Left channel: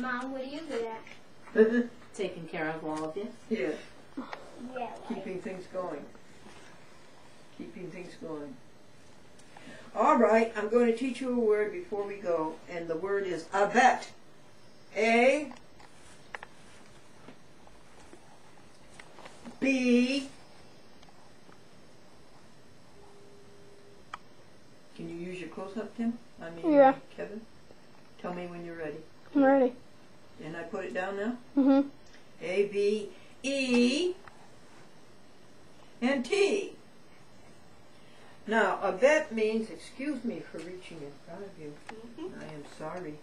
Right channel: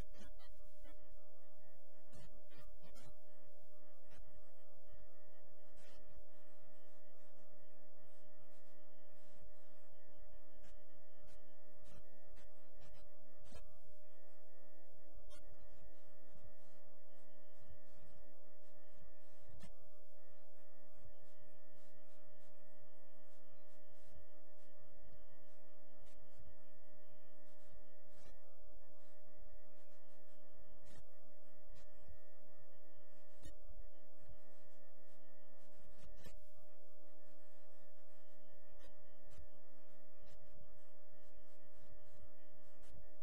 Mom, what are you good at? Taking care of all of you. Yeah. Yeah. Keeping things going. Keeping things going. All right, I'm going to teach you a word before we go, and the word is abet. A B. Can you use your close-up, Tim? Yeah. Kevin? Tell me when you're ready. I'm ready. And I put it down now? Mm-hmm. A, B, E, and T. Now, abet means, excuse me for reaching in front of you. I am sorry.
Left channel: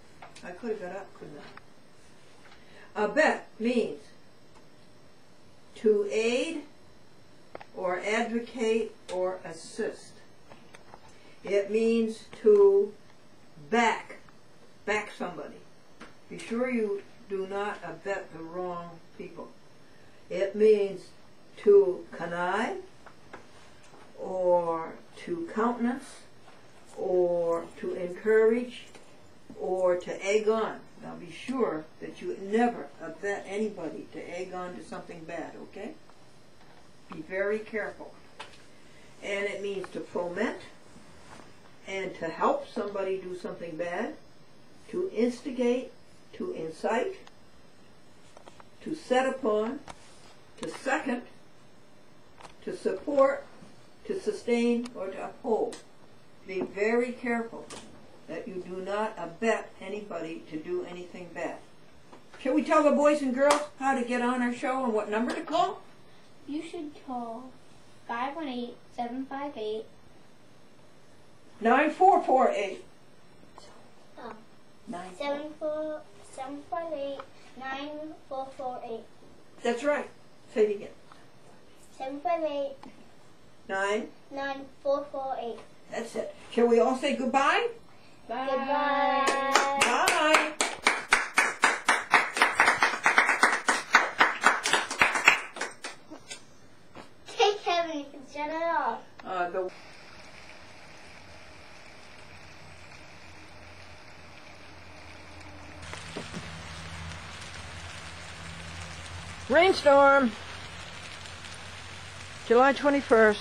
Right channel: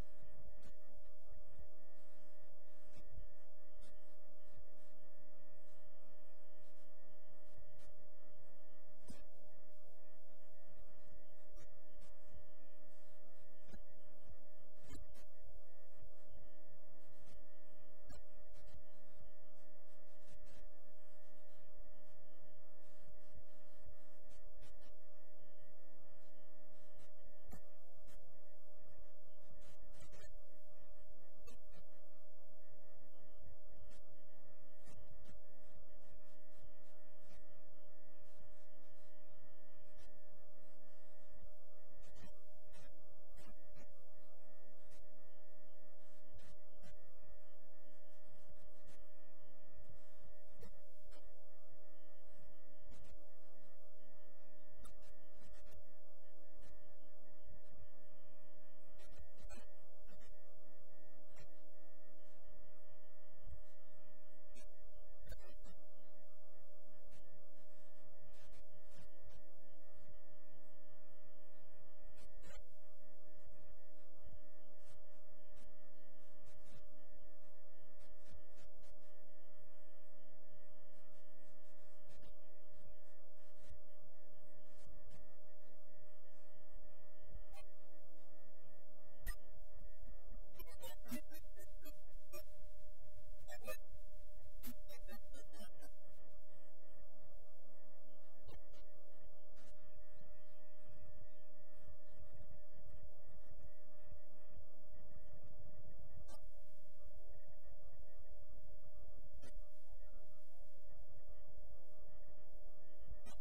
I could have got up, couldn't I? Abet means to aid or advocate or assist. It means to back somebody. Be sure you do not abet the wrong people. It means to connive or to countenance or to encourage or to egg on. Now be sure that you never abet anybody to egg on to something bad, okay? Be very careful. And it means to foment and to help somebody do something bad, to instigate, to incite, to set upon, to second, to support, to sustain, or to uphold. Be very careful that you do not abet anybody to do anything bad. Shall we tell the boys and girls how to get on our show and what number to call? You should call 518-758. 9448. Oh. 758-9448. That's right. Say it again. 758 9. 9448. That's it. Shall we all say goodbye? Bye. Goodbye. Bye. Hey Kevin, you can shut it off. The rainstorm, July 21st.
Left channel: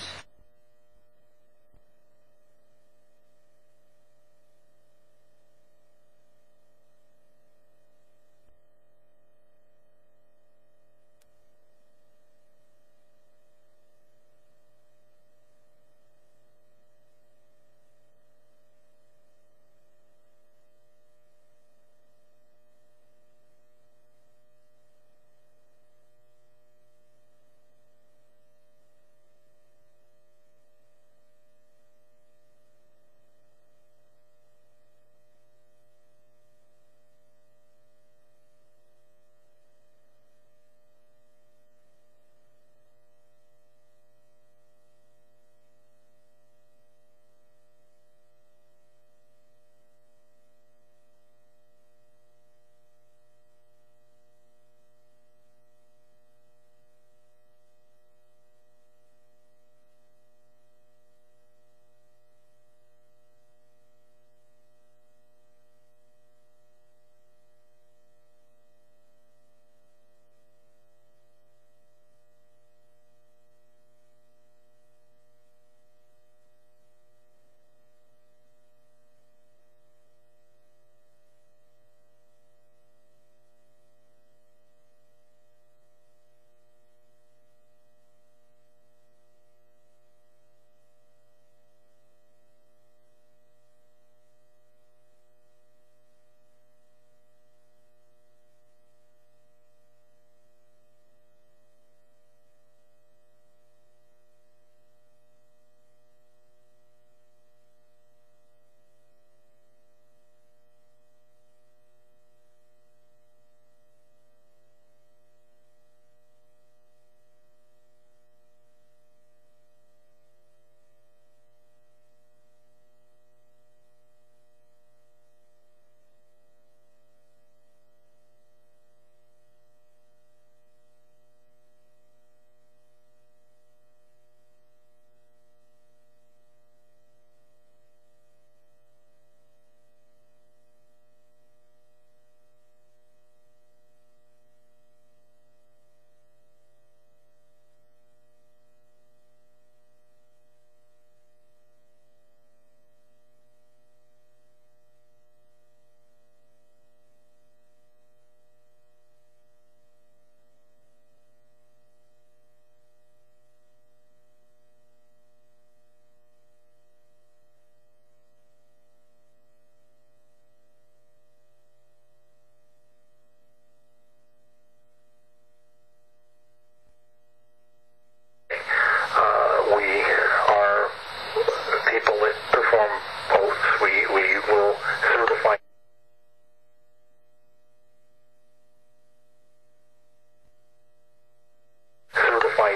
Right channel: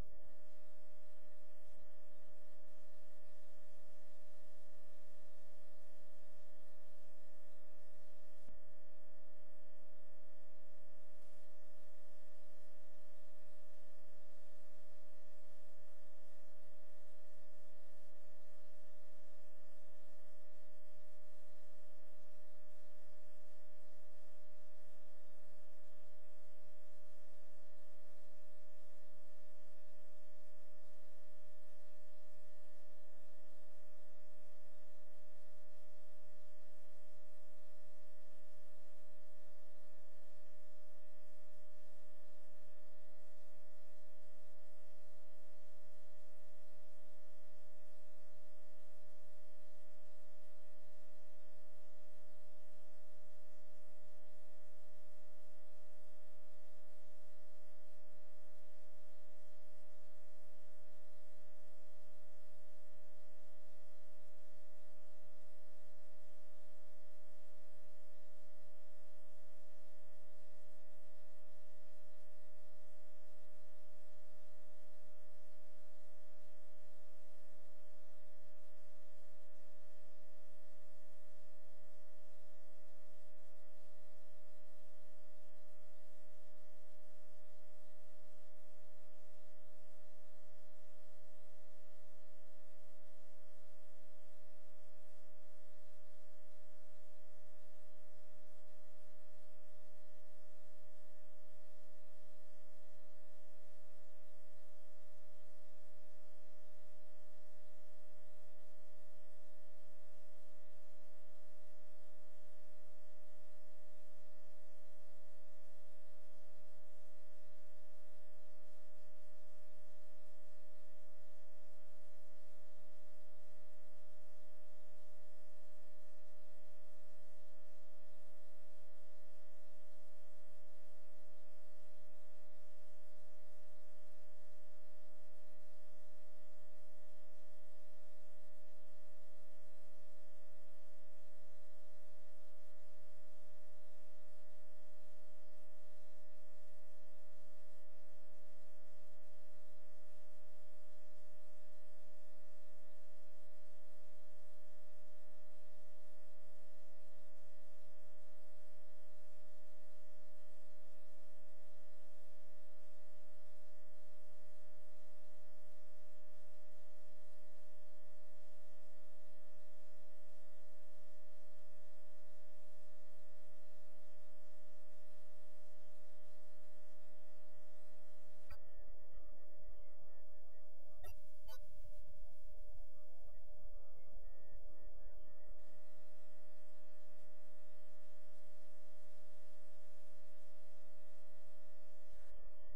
will certify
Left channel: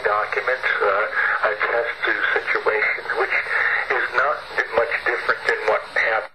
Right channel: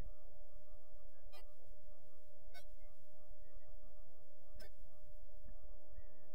documents, attest to situations, which is not much different than what happened.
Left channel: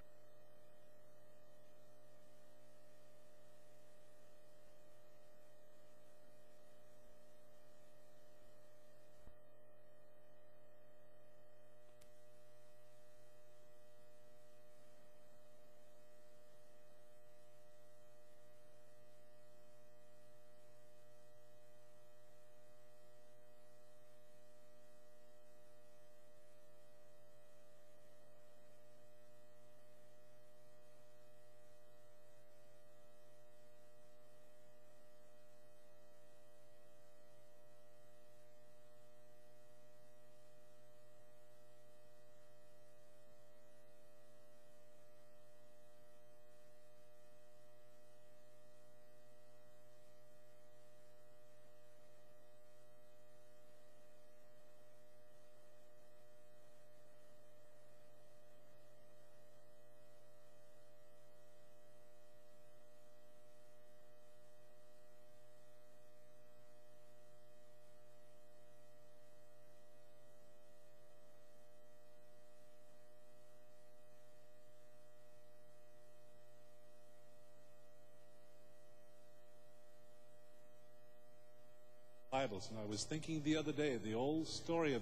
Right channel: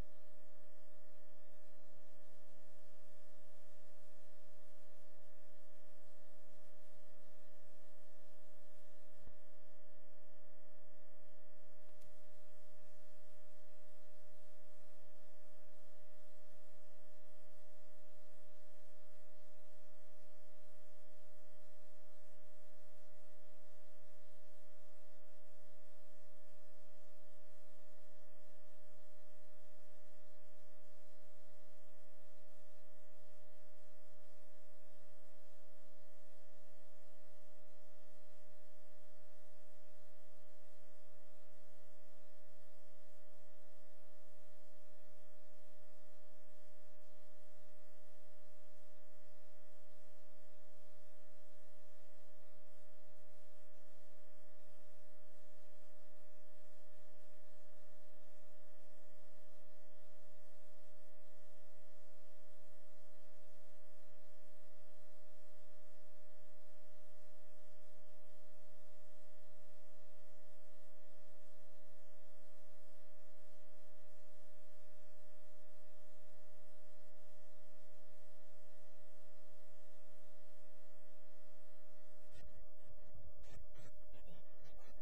And I was thinking the other day, the old story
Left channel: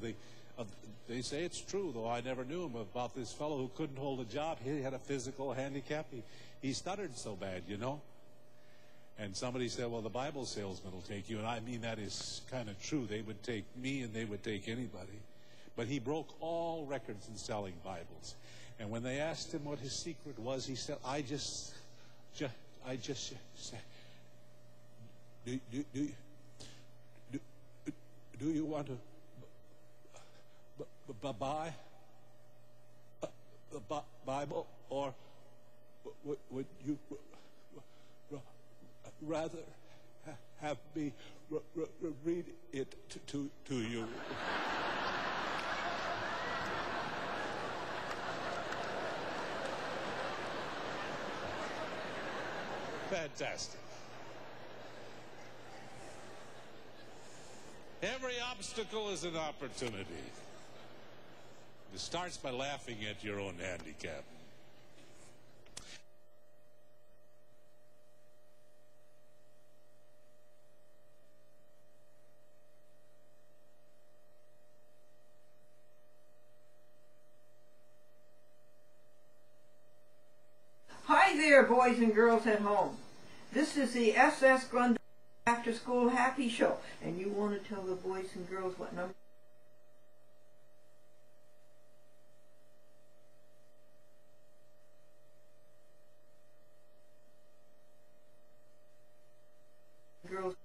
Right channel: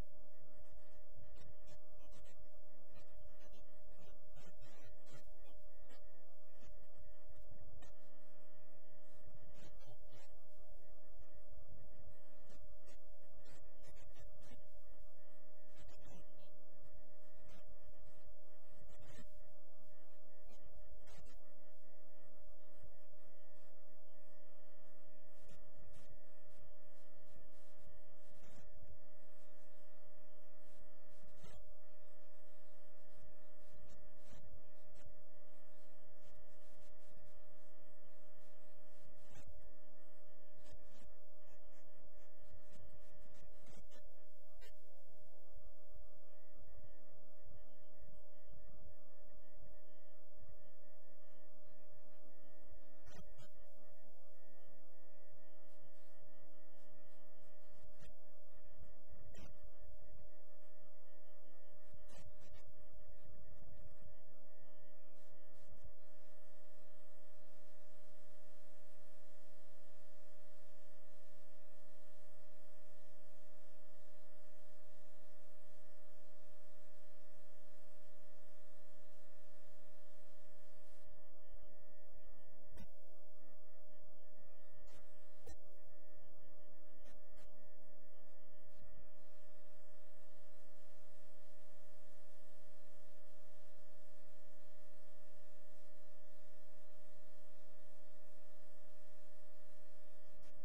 they say it's true, though I never knew him, about this fellow who couldn't hold a job. He had a physical handicap. He stuttered so bad, you know. And somebody said, well, the Bible salesman will take you. And I mean, that is kind of true. They would take me and they would take anybody. But he broke all records in selling Bibles. And when they asked him what his secret was, he said, I just said, do you want to buy the Bible, or would you rather have me read it to you? Fantastic. Every obstacle is an opportunity. It starts by laughing at your own handicap. Hi there, boys and girls at home. This is the SS Glendora After School Happy Show, and you want to tell the boys and girls what number? Girls.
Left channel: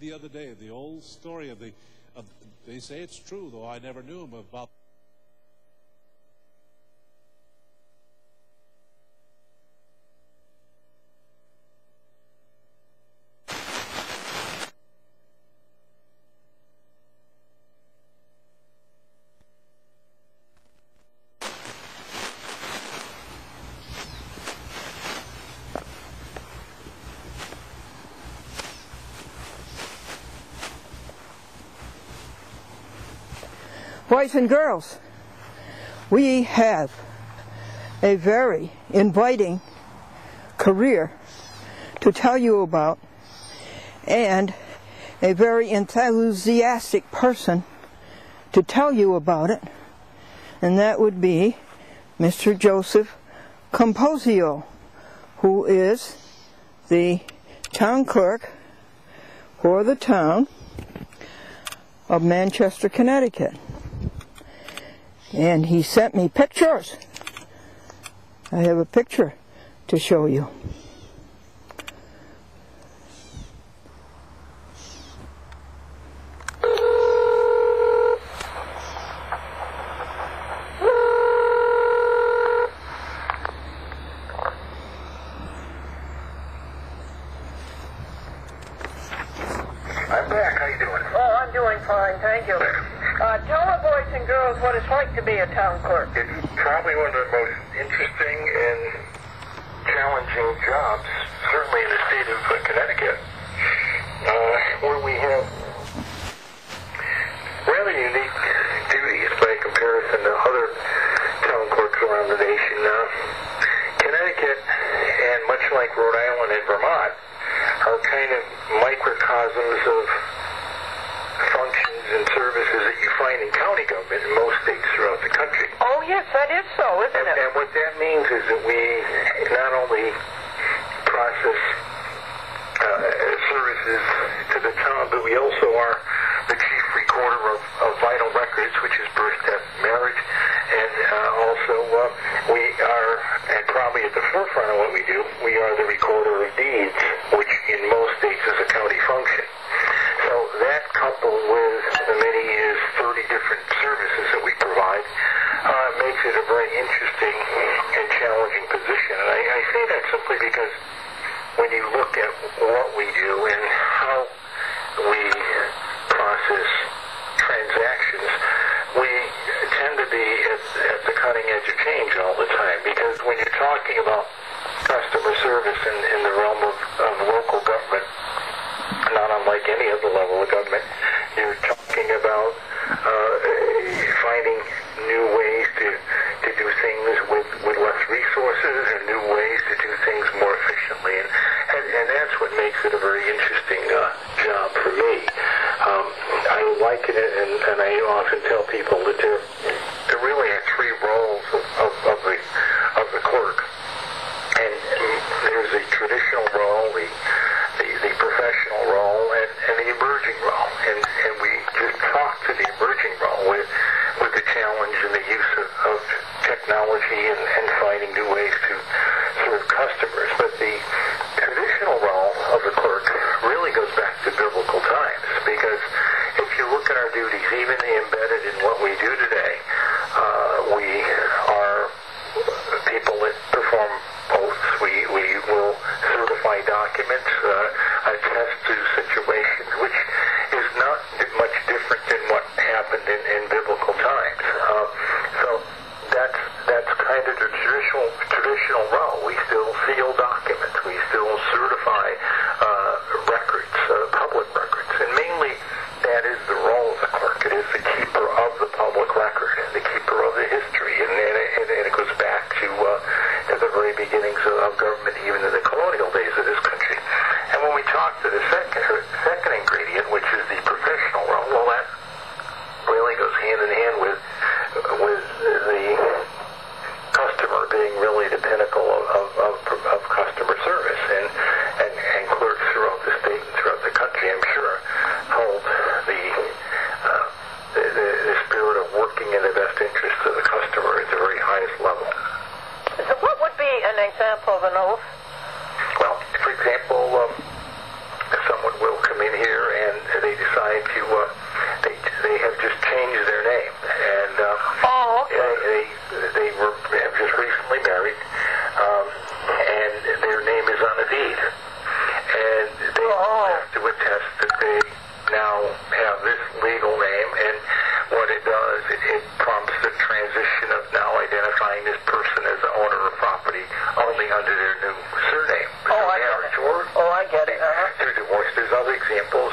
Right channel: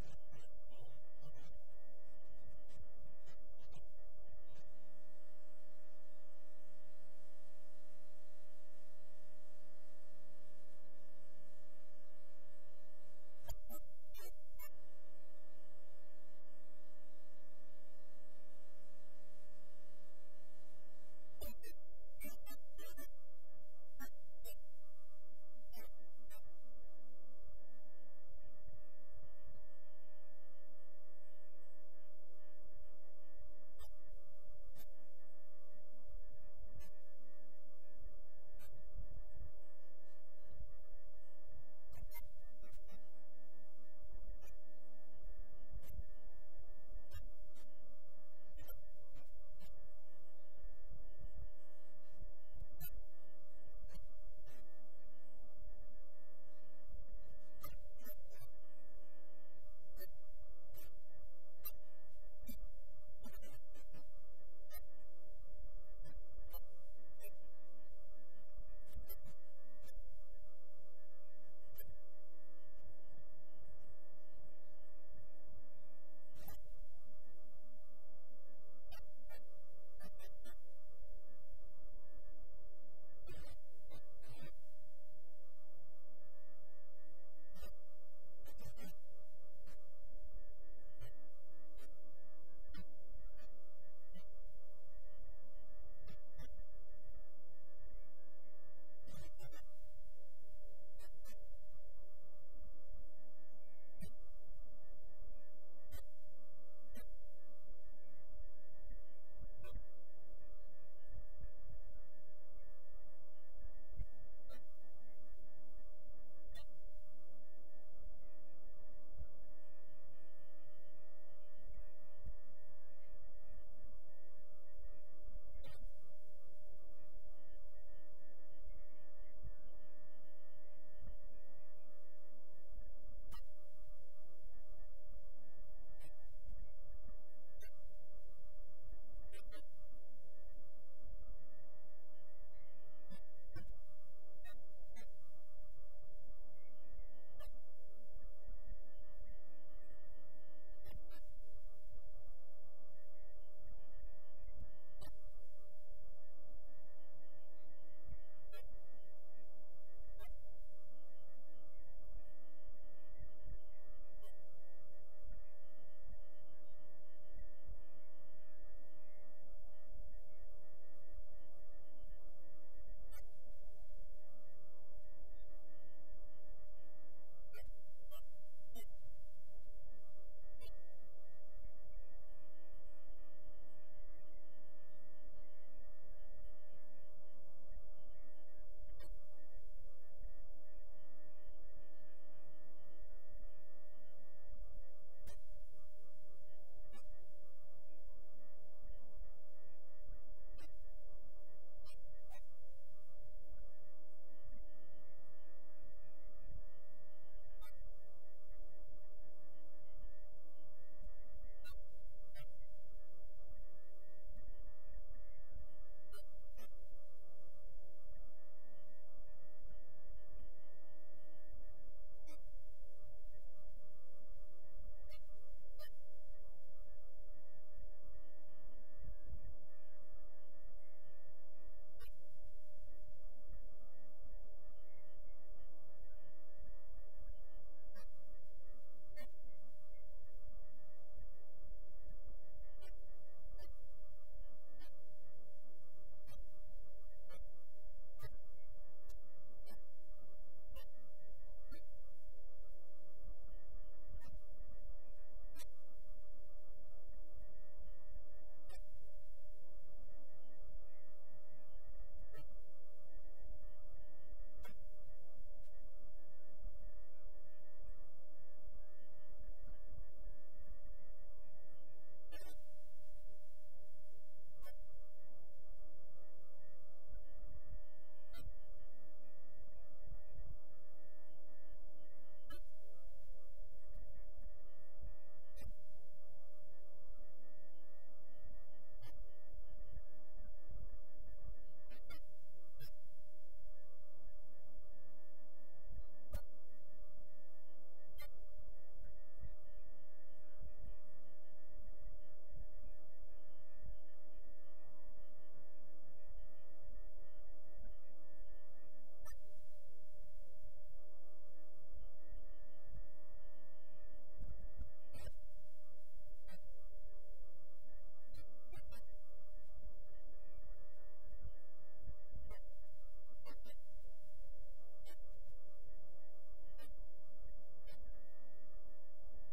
The other day, the old story they say it's true, though I never knew him, about Boys and girls, we have a very inviting career to tell you about, and a very enthusiastic person to tell you about it, and that would be Mr. Joseph Camposeo, who is the town clerk for the town of Manchester, Connecticut. And he sent me pictures. I have a picture to show you. I'm back. How you doing? Oh, I'm doing fine, thank you. Tell the boys and girls what it's like to be a town clerk. It's probably one of the most interesting and challenging jobs, certainly in the state of Connecticut, where we have rather unique duties by comparison to other town clerks around the nation. Connecticut, and much like Rhode Island and Vermont, are kind of microcosms of functions and services that you find in county government in most states throughout the country. Oh, yes, that is so, isn't it? And what that means is that we not only process services to the town, but we also are the chief recorder of vital records, which is birth, death, marriage, and also we are, and probably at the forefront of what we do, we are the recorder of deeds, which in most states is a county function. So that, coupled with the many 30 different services that we provide, makes it a very interesting and challenging position. And I say that simply because when you look at what we do and how we process transactions, we tend to be at the cutting edge of change all the time. Because when you're talking about customer service in the realm of local government, not unlike any other level of government, you're talking about finding new ways to do things with less resources and new ways to do things more efficiently. And that's what makes it a very interesting job for me. I liken it, and I often tell people that there really are three roles of the clerk. And there's the traditional role, the professional role, and the emerging role. And we just talk to the emerging role with the challenge and the use of technology and finding new ways to serve customers. But the traditional role of the clerk really goes back to biblical times, because if you look at our duties, even embedded in what we do today, we are people that perform oaths. We will certify documents, attest to situations, which is not much different than what happened in biblical times. So that's kind of the traditional role. We still seal documents. We still certify records, public records, and mainly that is the role of the clerk. It is the keeper of the public record, the keeper of the history, and it goes back to the very beginnings of government, even in the colonial days of this country. And when we talk to the second ingredient, which is the professional role, well, that really goes hand in hand with the customer being really the pinnacle of customer service, and clerks throughout the state and throughout the country, I'm sure, hold the spirit of working in the best interest of the customer at the very highest level. So what would be an example of an oath? Well, for example, someone will come in here and they decide to, they have just changed their name, and they have just recently married, and their name is on a deed, and they have to attest that they now have this legal name, and what it does, it prompts the transition of now identifying this person as the owner of property only under their new surname. I get it. Through divorce. There's other examples.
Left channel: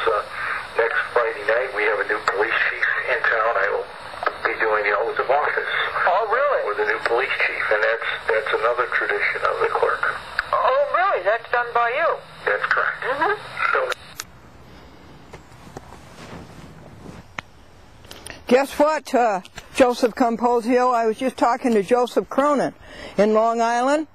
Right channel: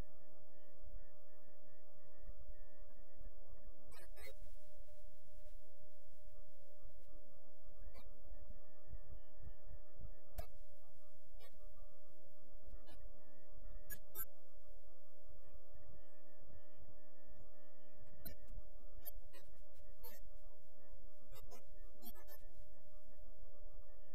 Next Friday night, we have a new police chief in town. I will be police chief, and that's another tradition of the clerk. Oh, really? That's done by you? That's correct. So, Guess what, Joseph Camposeo? I was just talking to Joseph Cronin in Long Island,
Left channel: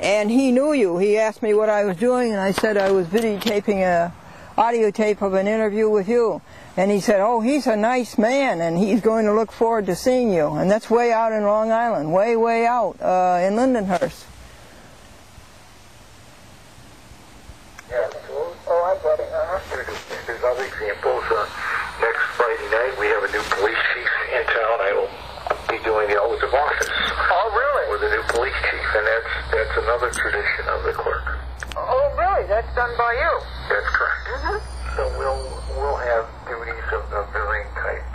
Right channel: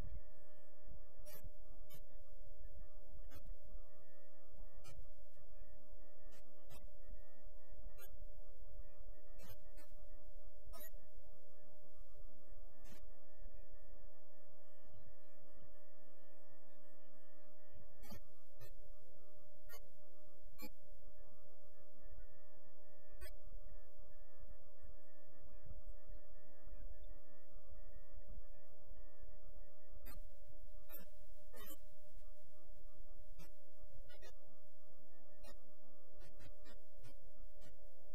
and he knew you. He asked me what I was doing, and I said I was videotaping a audio tape of an interview with you. And he said, oh, he's a nice man, and he's going to look forward to seeing you. And that's way out in Long Island, way, way out in Lindenhurst. yeah, oh, I get it. There's other examples. Next Friday night, we have a new police chief in town. I will be doing the oath of office. Oh, really? With a new police chief, and that's another tradition of the clerk. Oh, really? That's done by you? That's correct. So we'll have duties of varying type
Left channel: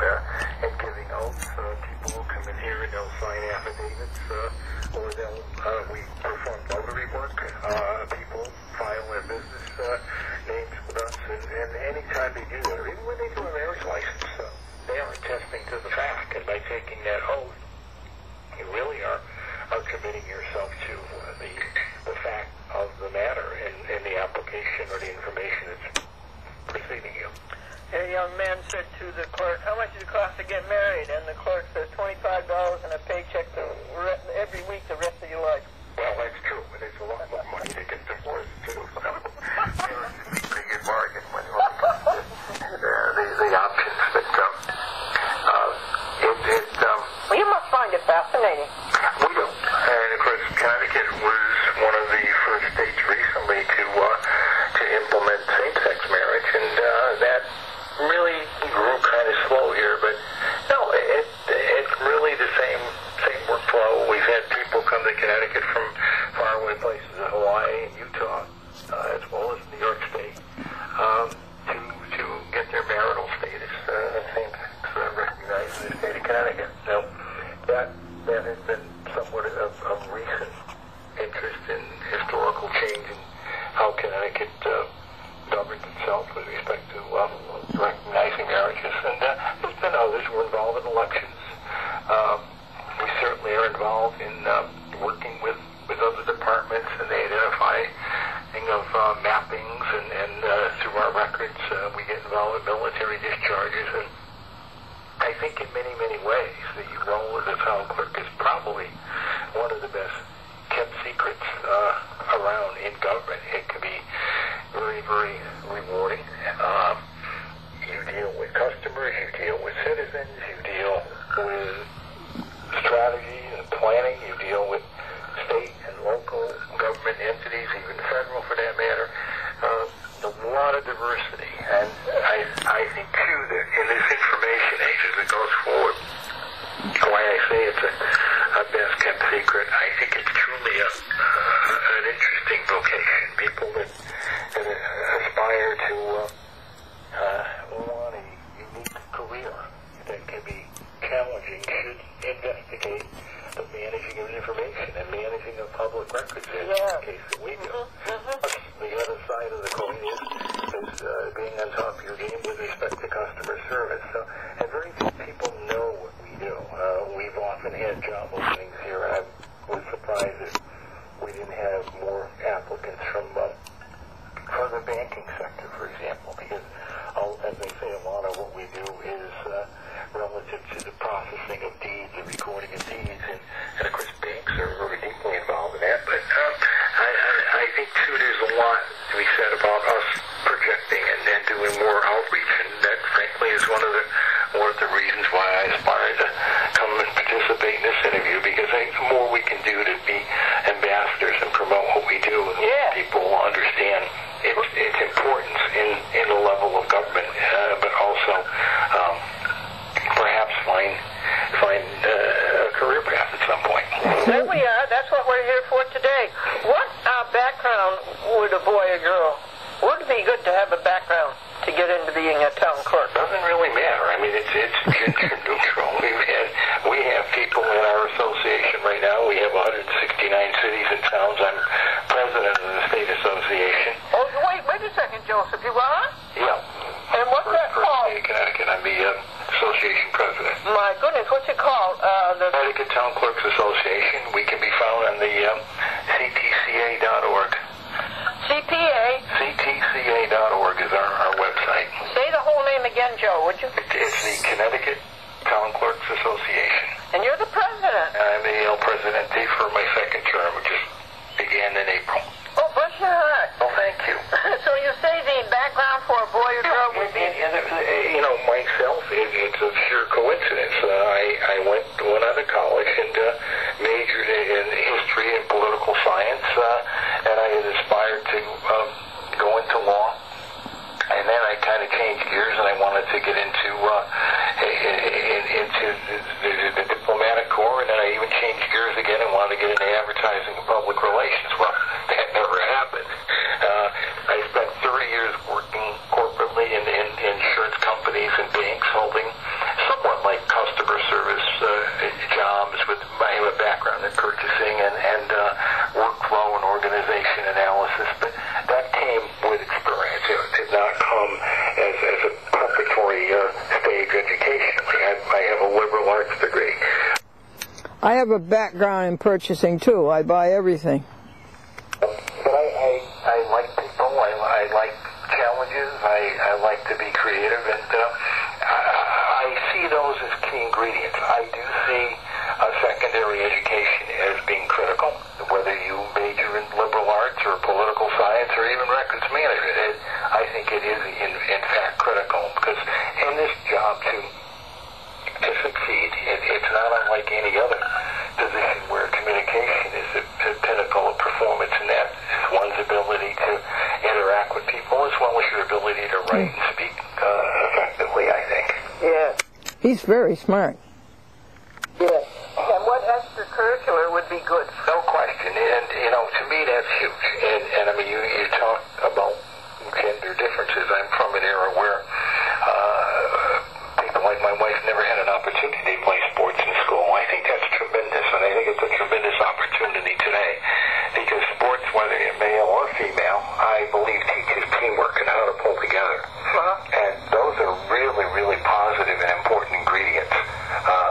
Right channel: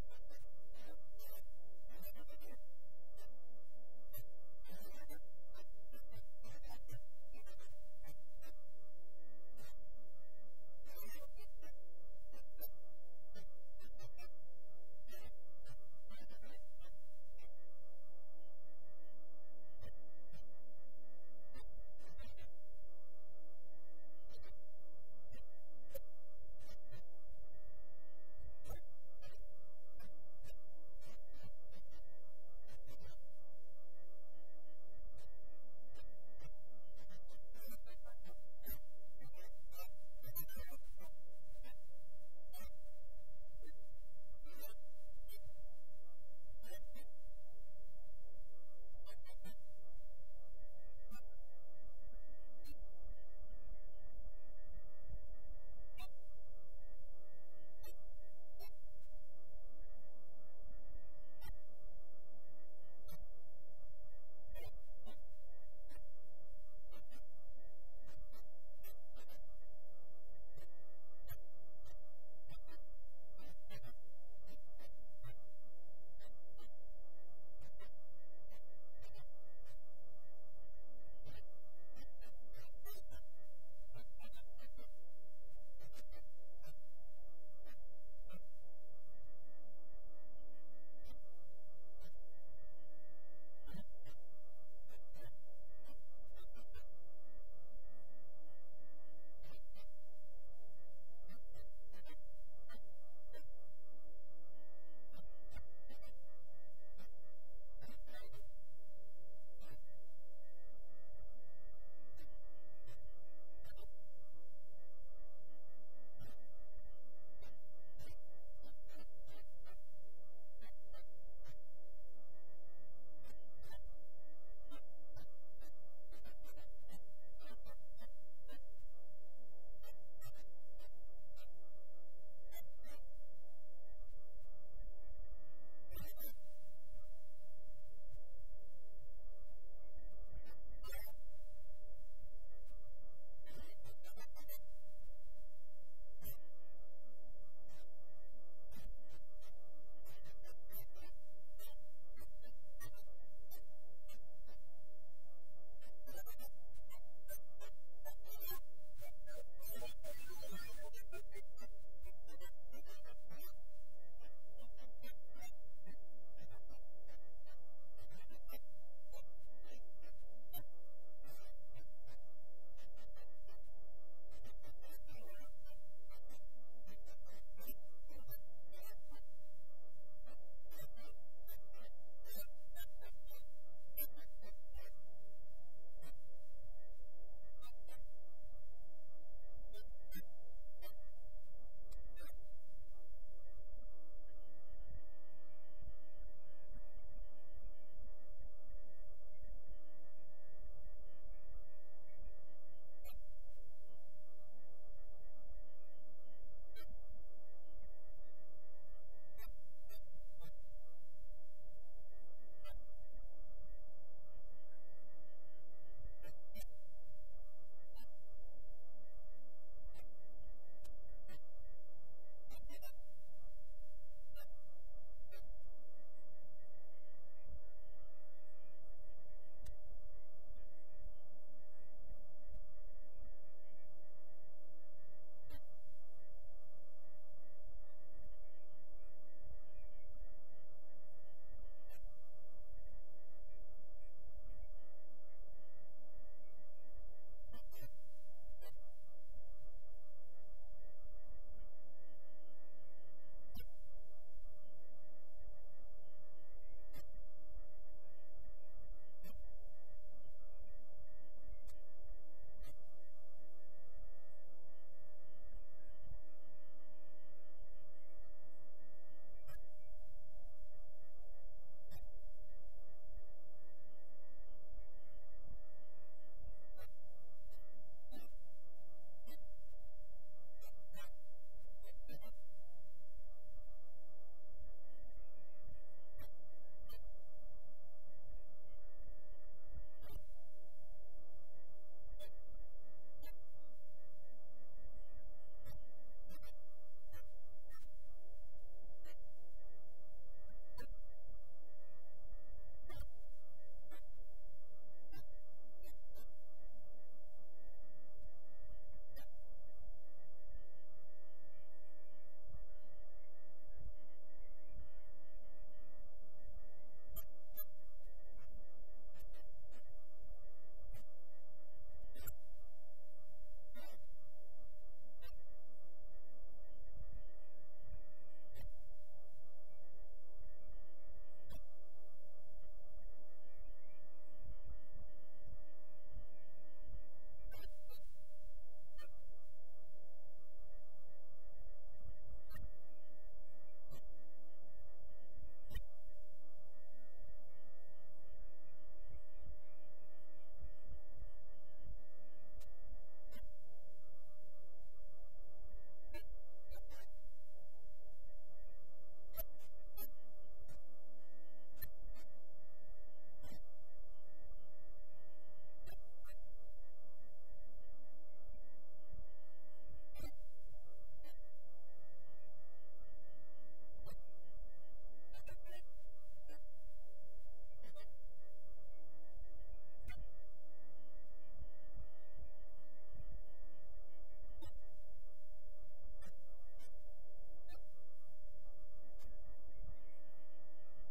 and giving oaths. People will come in here and they'll sign affidavits, or we perform notary work. People file their business names with us, and anytime they do that, or even when they do a marriage license, they are attesting to the fact, and by taking that oath, you really are committing yourself to the fact of the matter and the application or the information that's preceding you. A young man said to the clerk, how much does it cost to get married? And the clerk says $25 and a paycheck every week the rest of your life. Well, that's true, but it's a lot more money to get divorced, too. So, it's a pretty good bargain when you look at the options that come. Well, you must find it fascinating. We do. And, of course, Connecticut was one of the first states recently to implement same-sex marriage, and that really grew kind of slow here, but no, it's really the same workflow. We've had people come to Connecticut from faraway places, Hawaii and Utah, as well as New York State, to get their marital status, same-sex recognized in the state of Connecticut. So that has been somewhat of recent interest in historical change in how Connecticut governs itself with respect to recognizing marriages. And there's been others who are involved in elections. We certainly are involved in working with other departments, and they identify of mappings, and through our records we get involved in military discharges. And I think in many, many ways the role of the town clerk is probably one of the best kept secrets around in government. It can be very, very rewarding. You deal with customers, you deal with citizens, you deal with strategy and planning, you deal with state and local government entities, even federal for that matter. A lot of diversity. And I think, too, that in this information age as it goes forward, why I say it's a best kept secret, I think it's truly an interesting vocation. People that aspire to want a unique career that can be challenging should investigate the managing of information and managing of public records in the case that we do. The other side of the coin is being on top of your game with respect to customer service. So, and very few people know what we do. We've often had job openings here, and I was surprised that we didn't have more applicants from the banking sector, for example, because, as they say, a lot of what we do is relative to the processing of deeds, the recording of deeds, and of course banks are very deeply involved in that. But I think, too, there's a lot to be said about us projecting and doing more outreach, and that, frankly, is one of the reasons why I aspire to come and participate in this interview, because I think the more we can do to be ambassadors and promote what we do, people will understand its importance in the level of government, but also perhaps find a career path at some point. There we are. That's what we're here for today. What background would a boy or girl? Would it be good to have a background to get into being a town clerk? Doesn't really matter. I mean, it's gender neutral. We have people in our association right now. We have 169 cities and towns. I'm president of the state association. Oh, wait a second, Joseph. You are? Yeah. And what's that called? State of Connecticut. I'm the association president. My goodness, what's it called? The Connecticut Town Clerks Association. We can be found on the ctca.org. CPA. ctca.org is our website. Say the whole name again, Joe, would you? It's the Connecticut Town Clerks Association. And you're the president. I'm the presidente for my second term, which just began in April. Oh, bless your heart. Well, thank you. So you say the background for a boy or girl would be... You know, myself, it's a sheer coincidence. I went out of college and majored in history and political science, and I had aspired to go into law. And then I kind of changed gears, and I wanted to get into the diplomatic corps, and then I even changed gears again and wanted to get into advertising and public relations. Well, that never happened. I spent 30 years working corporately in insurance companies and banks, holding somewhat like customer service jobs. I have a background in purchasing and workflow and organization analysis, but that came with experience. It did not come as a preparatory stage education. I have a liberal arts degree. I have a background in purchasing too. I buy everything. But I like people. I like challenges. I like to be creative, and I see those as key ingredients. I do see secondary education as being critical, whether you major in liberal arts or political science or even records management. I think it is in fact critical, because in this job to succeed, it's not unlike any other position where communication is the pinnacle of performance, and that is one's ability to interact with people as well as your ability to write and speak effectively, I think. Yeah. He's very smart. Yes. And what extracurricular would be good? No question. And, you know, to me that's huge. And I mean, you talk about gender differences. I'm from an era where people like my wife never had an opportunity to play sports in school. I think that's tremendous, and I think it's a tremendous opportunity today, because sports, whether you're male or female, I believe teaches teamwork and how to pull together. And those are really, really positive and important ingredients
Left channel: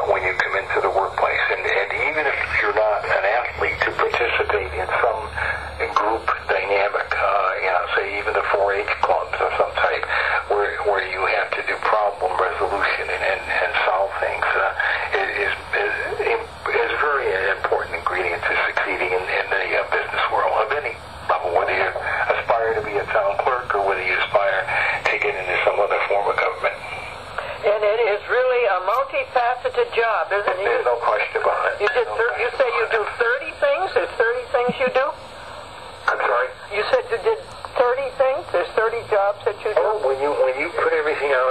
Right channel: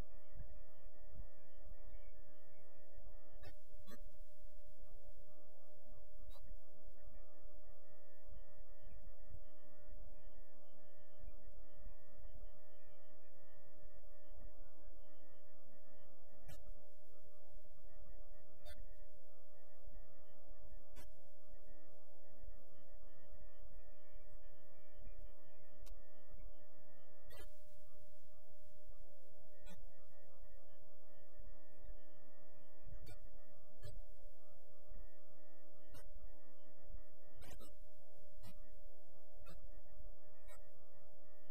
when you come into the workplace. And even if you're not an athlete, to participate in some group dynamic, say even the 4-H clubs of some type, where you have to do problem resolution and solve things, is very important ingredient to succeeding in the business world of any level, whether you aspire to be a town clerk or whether you aspire to get into some other form of government. And it is really a multifaceted job, isn't it? There's no question about it. You say you do 30 things? There's 30 things you do? I'm sorry? You said you did 30 things? There's 30 jobs that you do? Oh, when you put everything out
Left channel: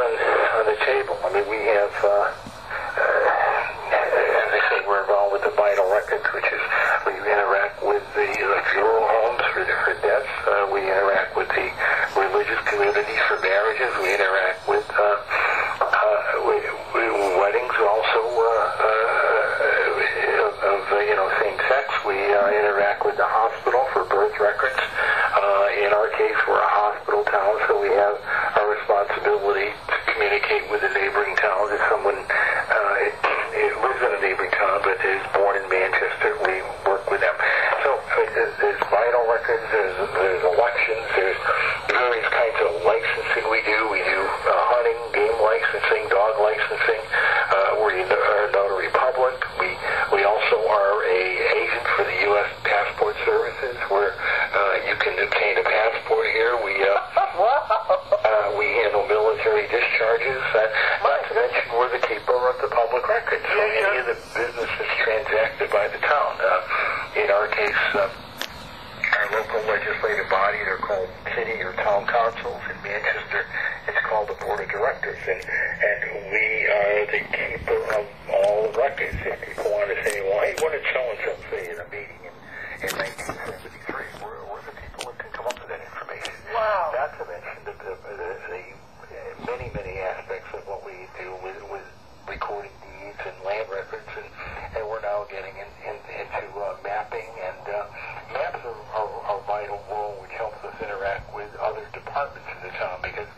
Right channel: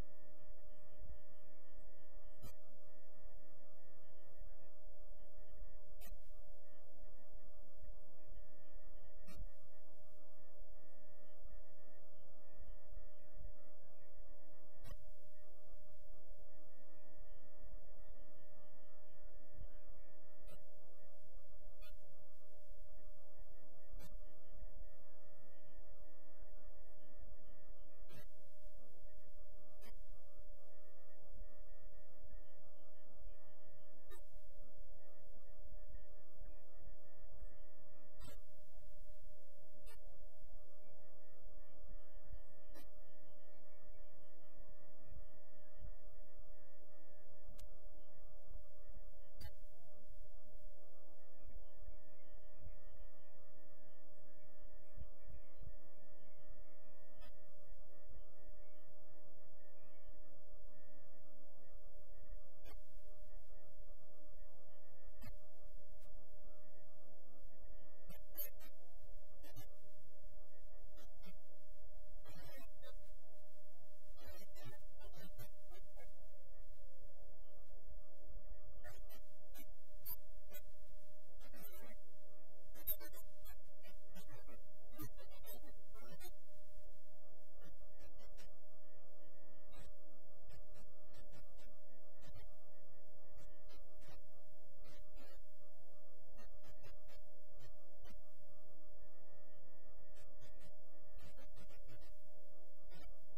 on the table, I mean, we have, as I say, we're involved with the vital records, which is we interact with the funeral homes for deaths. We interact with the religious communities for marriages. We interact with weddings also of same-sex. We interact with the hospital for birth records. In our case, we're a hospital town, so we have a responsibility to communicate with the neighboring towns. If someone lives in a neighboring town but is born in Manchester, we work with them. So there's vital records, there's elections, there's various kinds of licensing we do. We do hunting, game licensing, dog licensing. We're a notary public. We also are a agent for the U.S. Passport Services, where you can obtain a passport here. We handle military discharges. Not to mention, we're the keeper of the public records. So any of the business is transacted by the town. In our case, our local legislative body, they're called city or town councils. In Manchester, it's called the board of directors, and we are the keeper of all records. If people want to say, well, hey, what did so-and-so say in a meeting in 1973? We're the people that can come up with that information. Wow. Not to mention the many, many aspects of what we do with recording deeds and land records, and we're now getting into mapping, and maps are a vital role which helps us interact with other departments in the town, because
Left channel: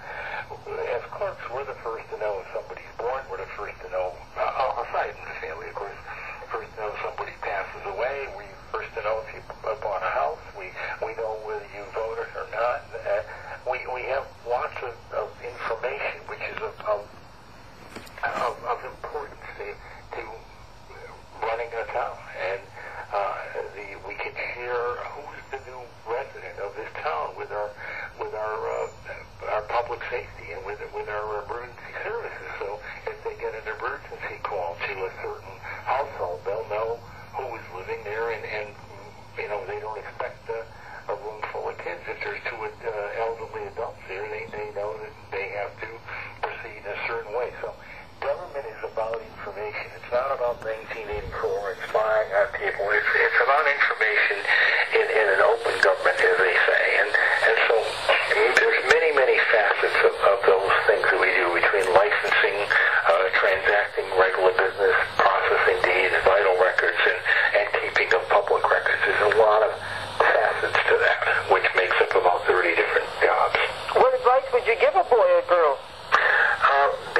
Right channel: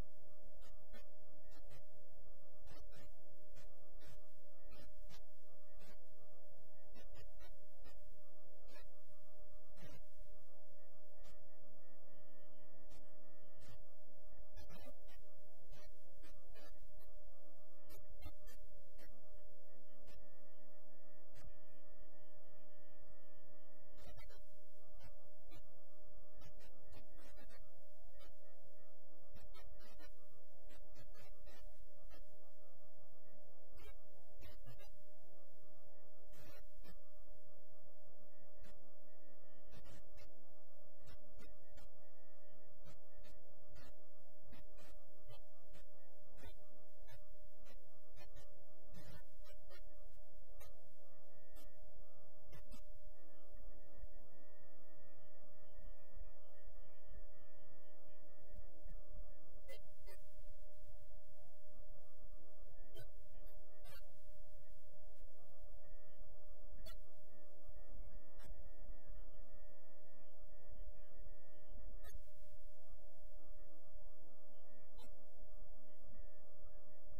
as clerks, we're the first to know if somebody's born, we're the first to know,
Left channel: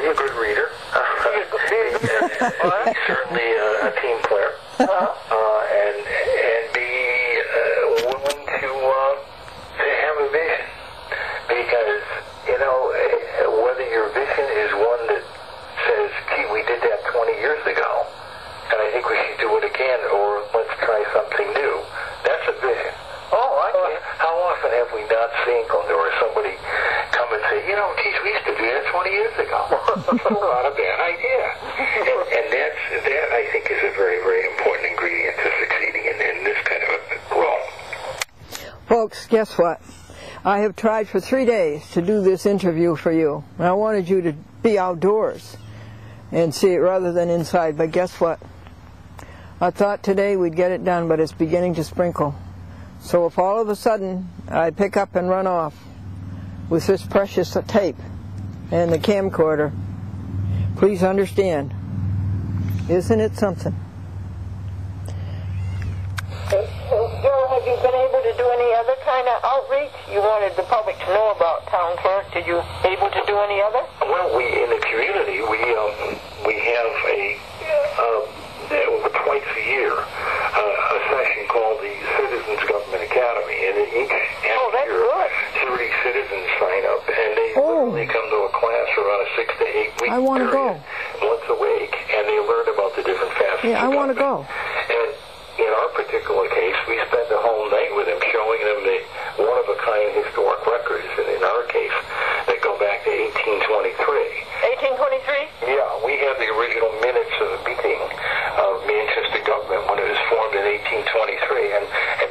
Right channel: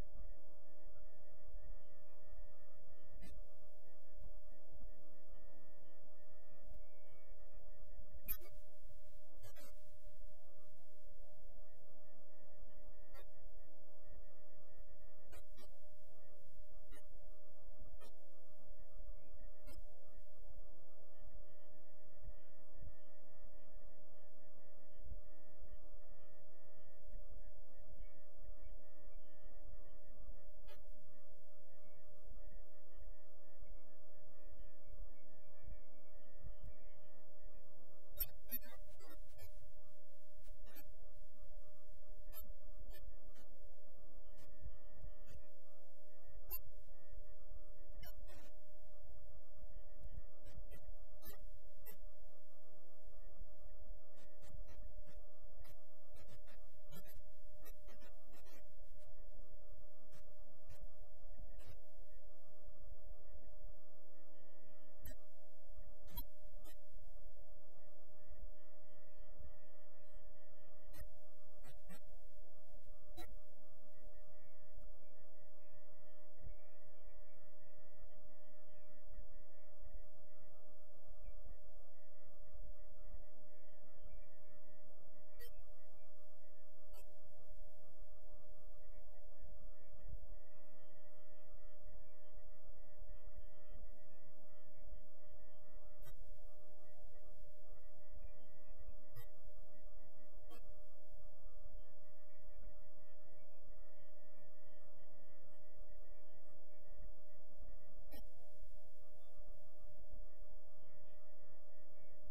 a good reader. He's certainly a team player. And be willing to have a vision. Because, you know, whether your vision is one that says, gee, we did that 20 years ago, and I think we should do it again, or let's try something new. That's a vision. How often have we not seen Glendora somebody come and say, you know, geez, we used to do that 20 years ago. Not a bad idea. And that, I think, is a very, very important ingredient to succeeding in this kind of a role. Folks, guess what? I have tried for 3 days to do this interview for you. I wanted you to be outdoors and see it rather than inside, but guess what? I thought today we'd get it done, but it's beginning to sprinkle. So if all of a sudden I pick up and run off with this precious tape and the camcorder, please understand, isn't it something? Joe, have you been able to do any other kind of outreach? You wanted the public to know about Towwn Clerk. Did you able to do any other? Well, we in the community we have a twice a year a session called the Citizens Government Academy, and each year 30 citizens sign up, and they literally come to a class for about a 6 to 8 week I want to go once a week, and they learn about the different facets. Yeah, I want to go. And in our particular case, we spent the whole night with them, showing them the one-of-a-kind historic records, and in our case, that go back to 1823. 1823? Yeah, we have the original minutes of the meeting of Manchest government when it was formed in 1823, and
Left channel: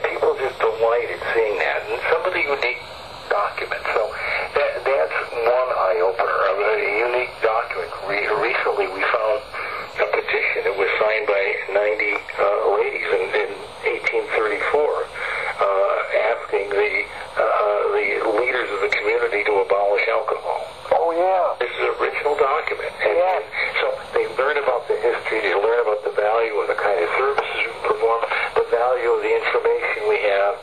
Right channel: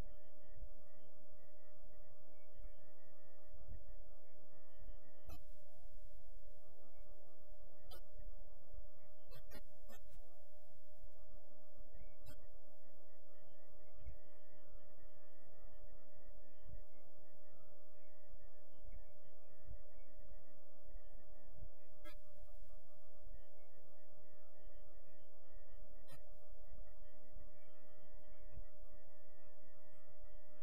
people just delighted seeing that, and some of the unique documents. So that's one eye-opener, a unique document. Recently, we found a petition that was signed by 90 ladies in 1834, asking the leaders of the community to abolish alcohol. Oh, yeah. This is an original document. And so they learn about the history, they learn about the value of the kind of services we perform, the value of the information we have,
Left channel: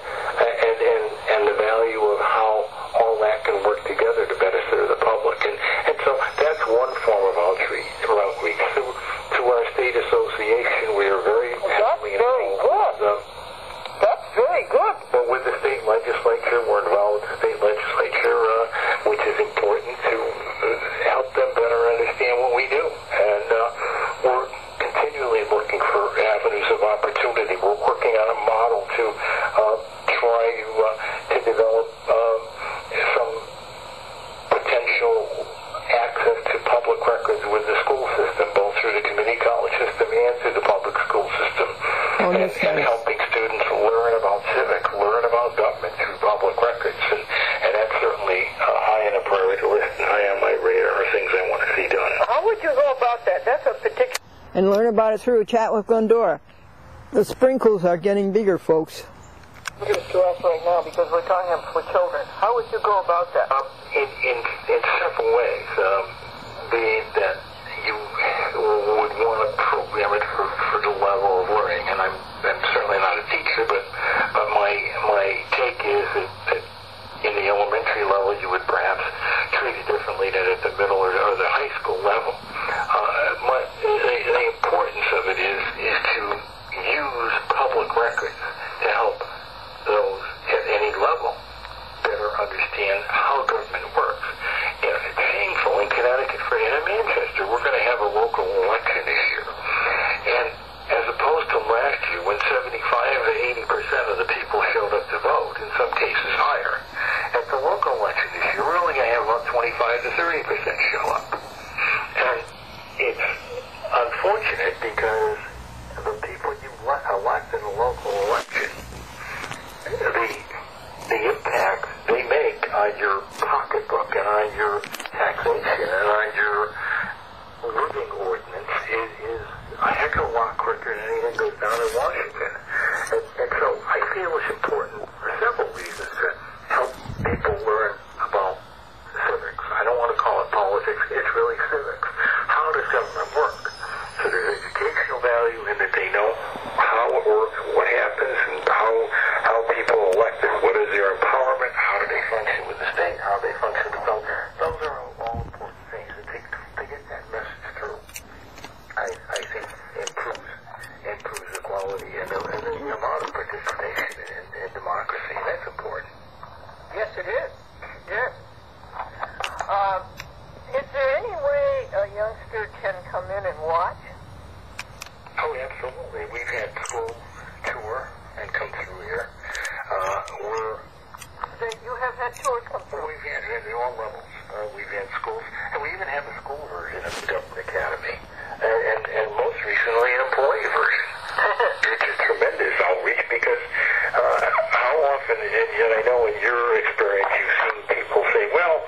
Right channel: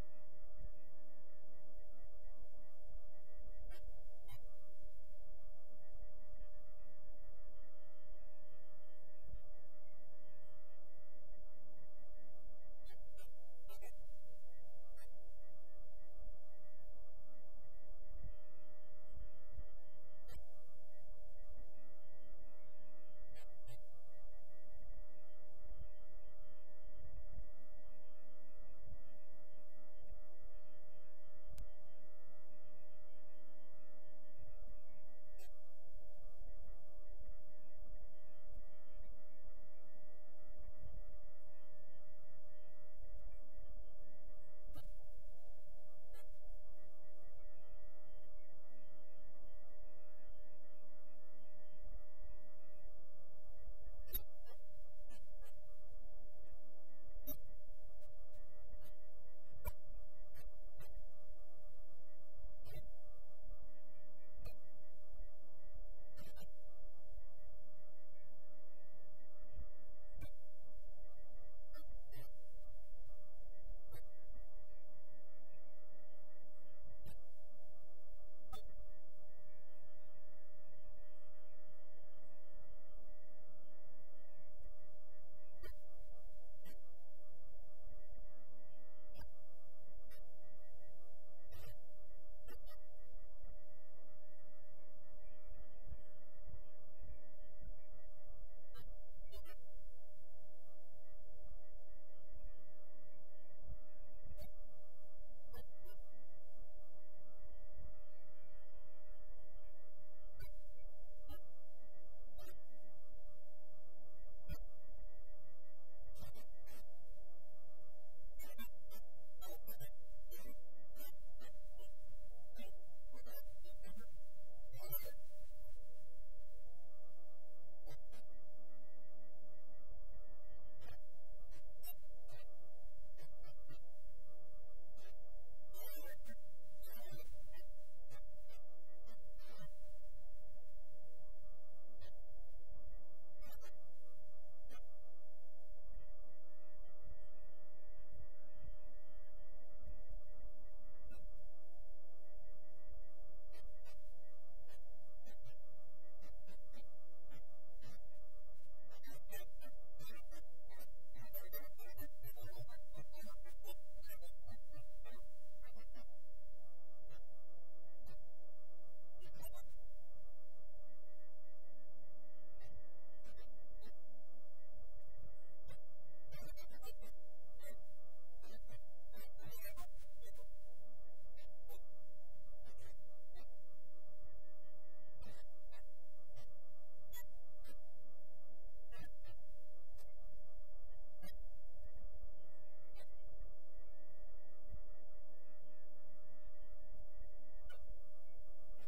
and the value of how all that can work together to better serve the public. And so that's one form of outreach. To our state association, we are very heavily involved. That's very good. Well, with the state legislature, we're involved with the state legislature, which is important to help them better understand what we do. And we're continually looking for avenues of opportunity. We're working on a model to try to develop some potential access to public records with the school system, both through the community college system and through the public school system. And helping students learn about civics, learn about government through public records. And that's certainly high on the priority list and high on my radar, things I want to see done. How would you go about that? That's a particular... And learn about it through a chat with Glendora. The sprinkles are getting bigger, folks. Look at to us right now because we're talking for children. How would you go about that? In several ways. Being that you would want to program it for the level of learning, and I'm certainly not a teacher, but my take is that in the elementary level you would perhaps treat it differently than at the middle or the high school level. The importance of it is to use public records to help those at any level better understand how government works. You know, it's shameful in Connecticut and in Manchester, we're going to have a local election this year. And as opposed to last year when 75 to 80% of the people showed up to vote, in some cases higher, at the local election this year, we're only going to have about 25 to 30% show up. And it's unfortunate because the people you elect in a local election, the impact they make on your pocketbook and on your taxation and on your living ordinance is a heck of a lot quicker than anything goes down in Washington. And so I feel it's important for several reasons to help people learn about civics. I don't want to call it politics, it's really civics. How does government work? So there's educational value in that they know how it works, what happens, and how people are elected, what is their empowerment, how do they function with the state, how they function with the government. Those are all important things. To get come in and watch? Oh, absolutely. We've had schools tour and come through here. You have had tours come through? We've had at all levels. We've had schools, and we even have a school version of the Government Academy, and most recently an employee version. Which is tremendous outreach because how often, and yet I know in your experience you've seen people say, well,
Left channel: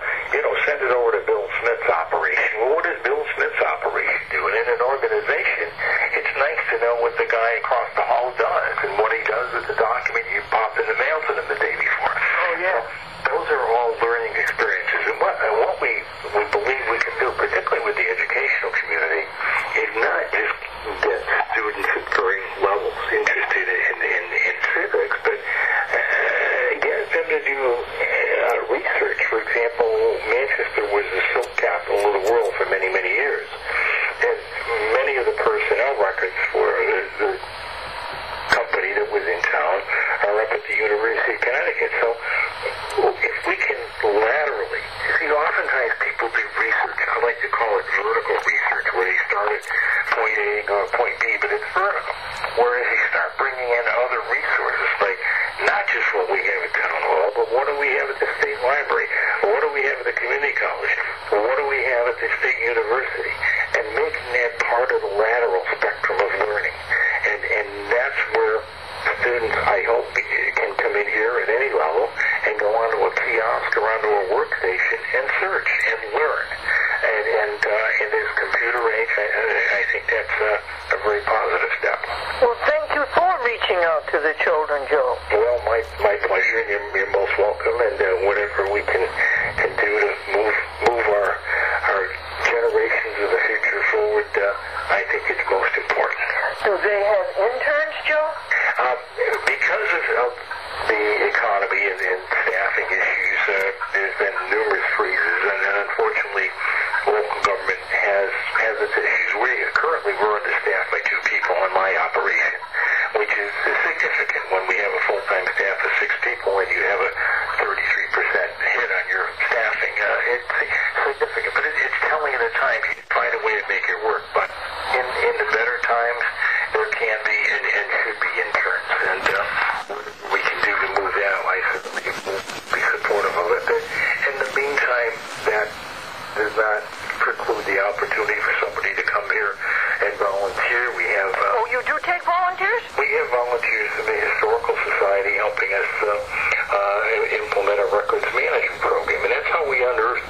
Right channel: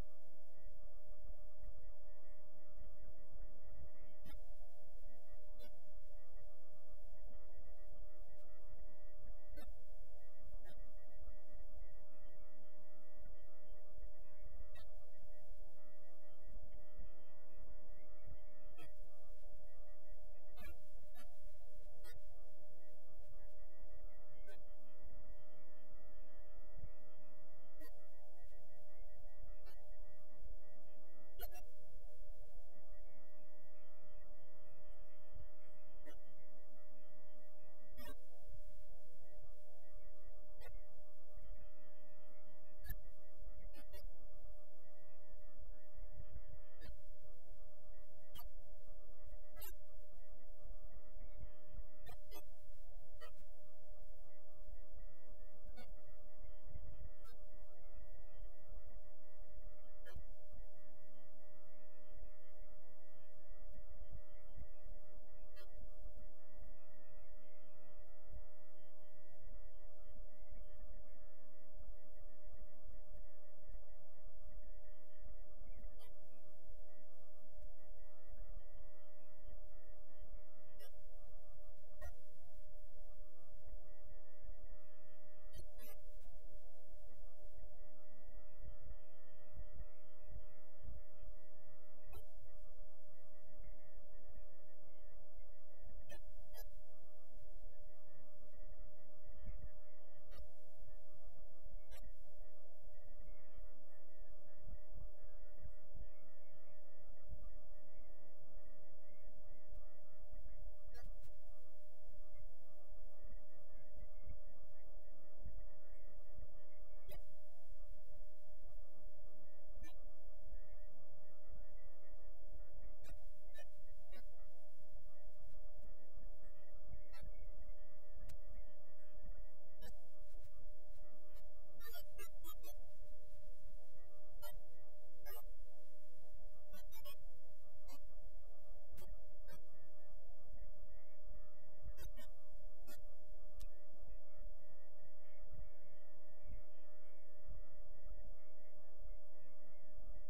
send it over to Bill Smith's operation. Well, what does Bill Smith's operation do? And in an organization, it's nice to know what the guy across the hall does and what he does with the document you popped in the mail to them the day before. Oh, yeah. So those are all learning experiences. And what we believe we can do, particularly with the educational community, is not just get students at varying levels interested in civics, but get them to do research. For example, Manchester was the silk capital of the world for many, many years. And many of the personnel records for the company that was in town are up at the University of Connecticut. So if we can laterally, oftentimes people do research. I like to call it vertical research, where they start at point A and go to point B, but it's vertical. Whereas you start bringing in other resources, like not just what we have at Town Hall, but what do we have at the State Library? What do we have at the Community College? What do we have at the State University? And making that part of the lateral spectrum of learning. And that's where students, I hope, can come in here at any level and go onto a kiosk or onto a workstation and search and learn. And in this computer age, I think that's a very positive step. Well, thank you for reaching out to the children, Joe. Well, my pleasure. You're most welcome, and whatever we can do to move our generations of the future forward, I think it's most important. Do they have interns, Joe? Because of the economy and staffing issues, there's been numerous freezes, and unfortunately, local government has its issues. We're understaffed by 2 people in my operation, which is significant when we have a full-time staff of 6 people and you have a 33% hit on your staffing. It's significant, but it's telling at a time. You find a way to make it work, but in the better times, there can be and should be interns, and whatever we can do to move that, I certainly will be supportive of it. But in the meantime, that does not preclude the opportunity for somebody to come here and volunteer. We have... you do take volunteers? We have volunteers in the Historical Society helping us implement a records management program, and that's how we unearthed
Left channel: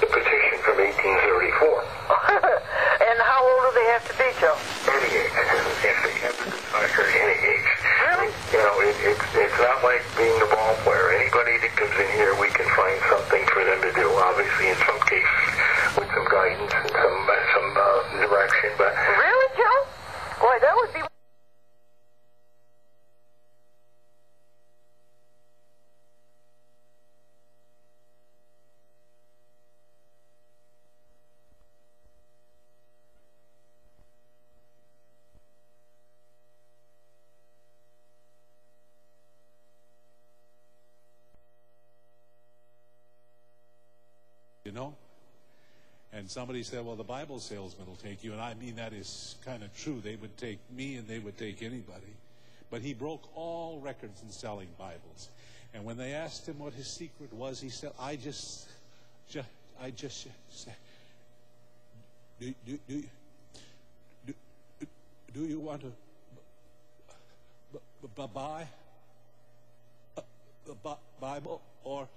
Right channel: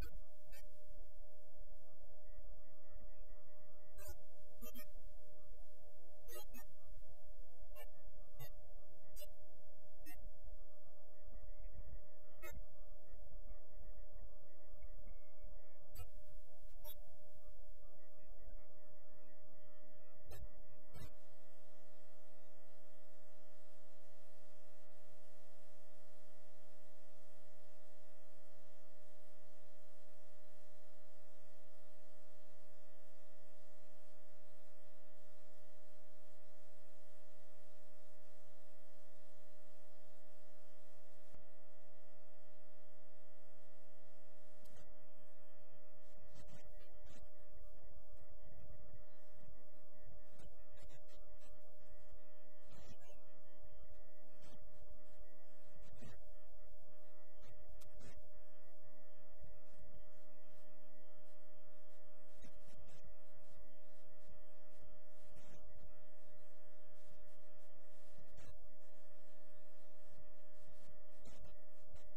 the petition from 1834. And how old do they have to be, Joe? Any age. They have to retire any age. Really? It's not like being a ball player. Anybody that comes in here, we can find something for them to do. Obviously, in some cases, with some guidance and some direction. But really, Joe? Boy, that would be. And somebody said, well, the Bible salesman will take you. And I mean, that is kind of true. They would take me and they would take anybody. But he broke all records in selling Bibles. And when they asked him what his secret was, he said, I just said, do you want to buy a Bible, or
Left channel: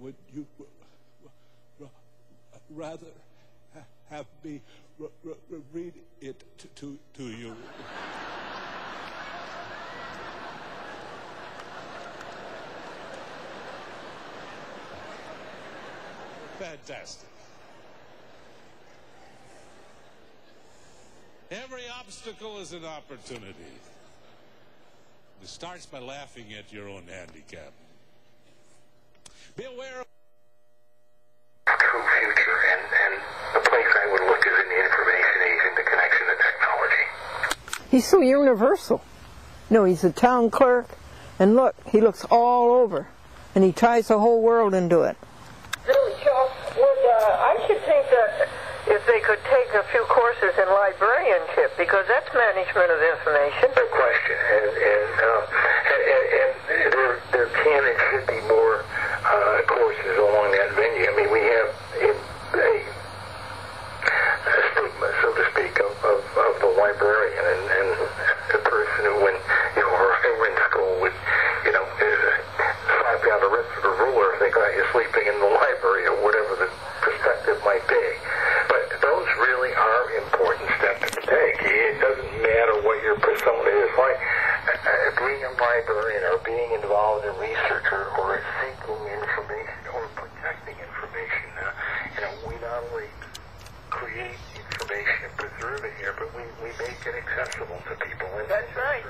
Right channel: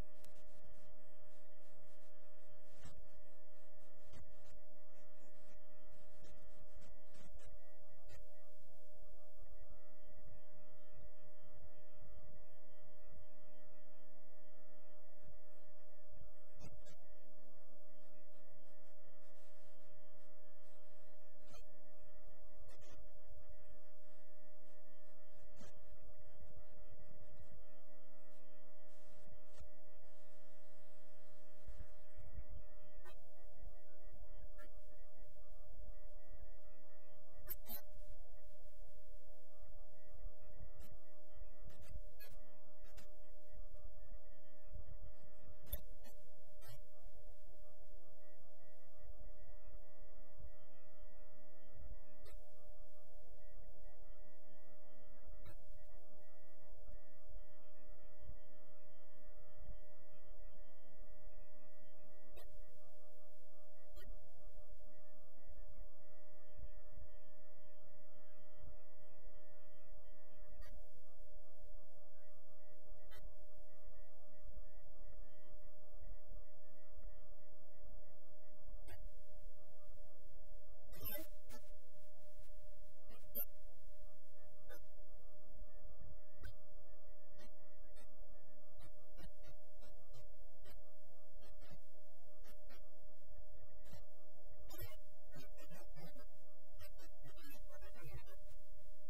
would you rather have me read it to you? Fantastic. Every obstacle is an opportunity. It starts by laughing at your own handicap. Be aware of true future, and the place I would look is in the information age and the connection to technology. He's so universal. No, he's a town clerk, and look, he looks all over, and he ties the whole world into it. Really, Joe, I should think that if they could take a few courses in librarianship, because that's management of information. No question, and there can and should be more courses along that venue. I mean, we have a stigma, so to speak, of the librarian and the person who, when you were in school, would slap down the wrist with a ruler if they got you sleeping in the library or whatever the perspective might be. But those really are important steps to take. It doesn't matter what your persona is. Like being a librarian or being involved in research or seeking information or protecting information. We not only create information and preserve it here, but we make it accessible to people. And That's right.